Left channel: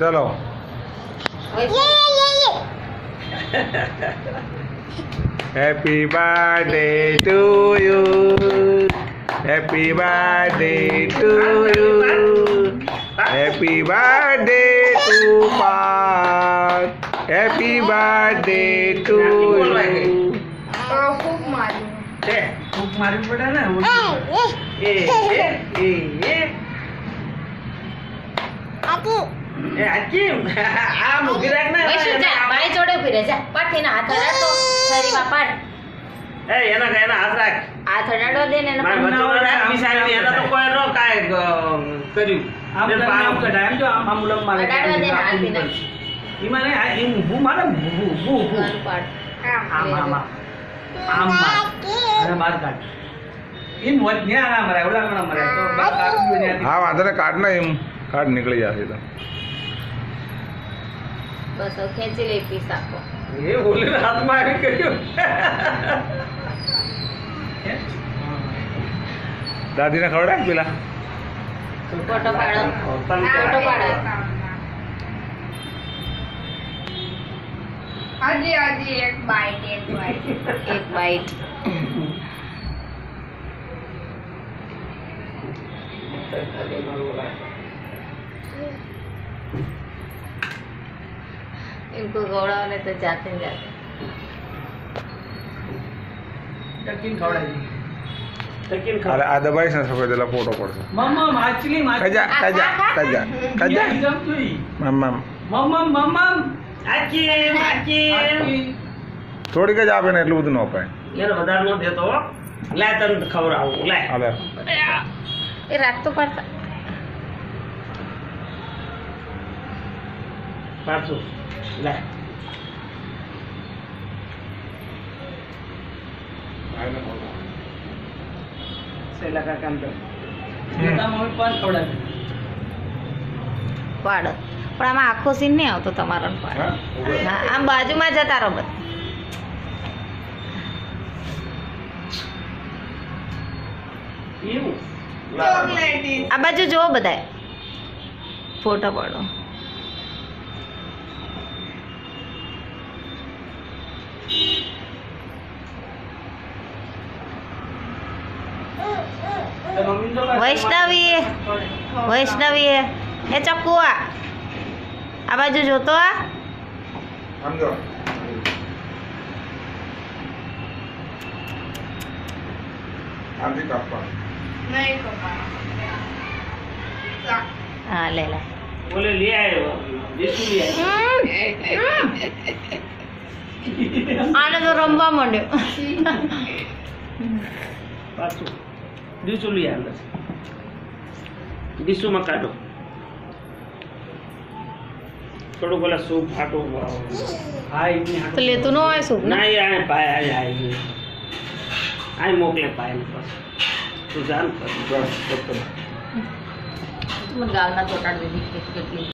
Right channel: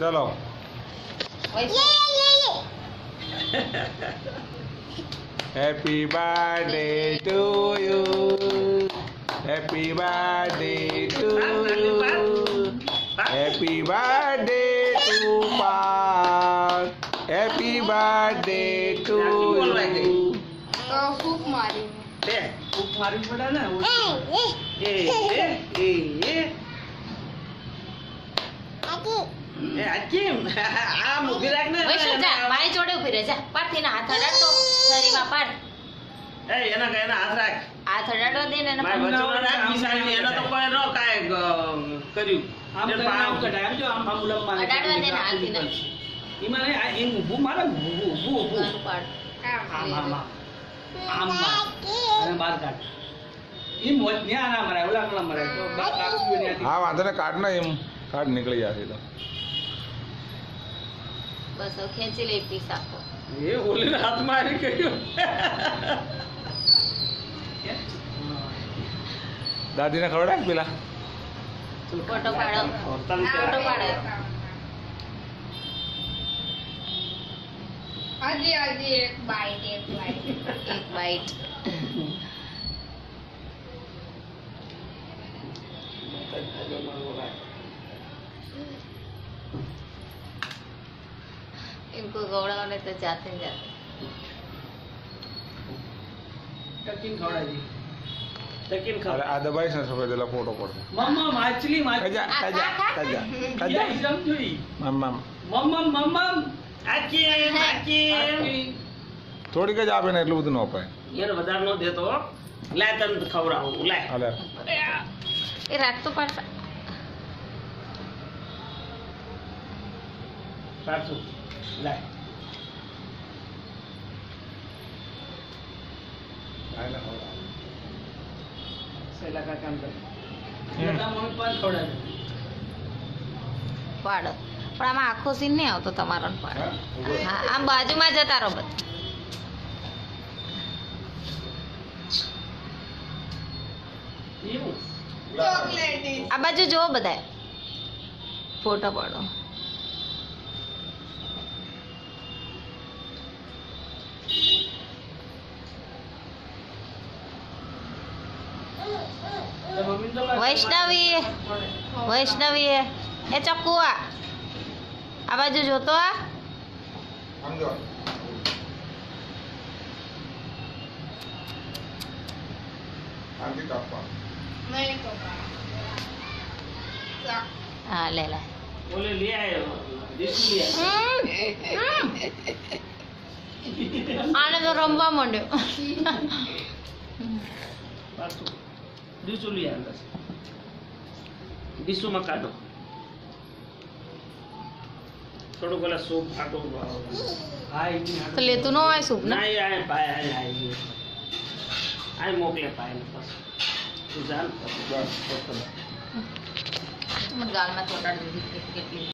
चलो happy birthday to you, happy birthday to you, happy birthday to Parth, happy birthday to you. फूक मारी बेटा ना મારી જોડે ઉભી રહે જા પાટ એના હાથ અડાડતો શરીરમાં પાટ હાથ રાખ હાથ અડાડવા દે ને એના મારા બચ્ચો રાખ મિસાઈલ એના તો કોઈ નો કાય કર્યું આમ કઢાય જો આમ ઉલમ મારે અડાડવા દે ને હાથ એના ઈમાં ને આ એમ હું મારે હું ગાનું પાટ આમ અને બાર કાઢ ઈમ વત ન્યા ના મરે ઓલા ના મરે તો બસ કાઢ્યું ને हाँ वांधो ने काट ना एम काट निकली जाती तो બસ હવે ખેંચી લે પીસ આખો એ ઓલી હાથ મારી કર્યું दादी ने खवड़ा पेला ફોટો પાડો ફોટો પાડો હજી એક બાઈટ એક બાઈટ इनको गौड़ाने तो जाते हैं जाते ટકીન ખવડાવી ટકીન अरे आ दबाई से सफेद वाला फोटो पड़ता મમ્મા માછલી कजा कजा कजा कजा જમ જોઈ मम्मा મમ્મા આકી थोड़ी कज आपे ने એટલું બધું ન અપાય યાર વધારે ન દેતો હો લે તને ખવડાવું લે હાલે ये रात तो पास પાછું લે સેલા કા કામ કર બેટા મમ્મી પણ ખવડાવી પાડો પણ આમાં આખો સીન નહીં આવતો તમારો ને પાડો હા આમ બાજુમાં જતા રહો બધા એવું આ બાજુ જુઓ બધા ફોટો પાડો મમ્મી તો વૈષ્ણવી વૈષ્ણવી એ ચક્કુ આ બાજુ જોતો આ સમજો આંધી કાપવા નહીં કપા હા લે લે બોલે લે આવ્યો દેશુ લે આને તો રમવા માંડ્યો પાછું દીસુ લે અંદર દીસુમાં કાઢો થોડું બોલા સૂપ ફાટો હા એની તો લેતું ન હોય શું ના આય પાય આય મોકલે પાય બસ તું જાન બસ ગાલમાં ચોટાડી દીધી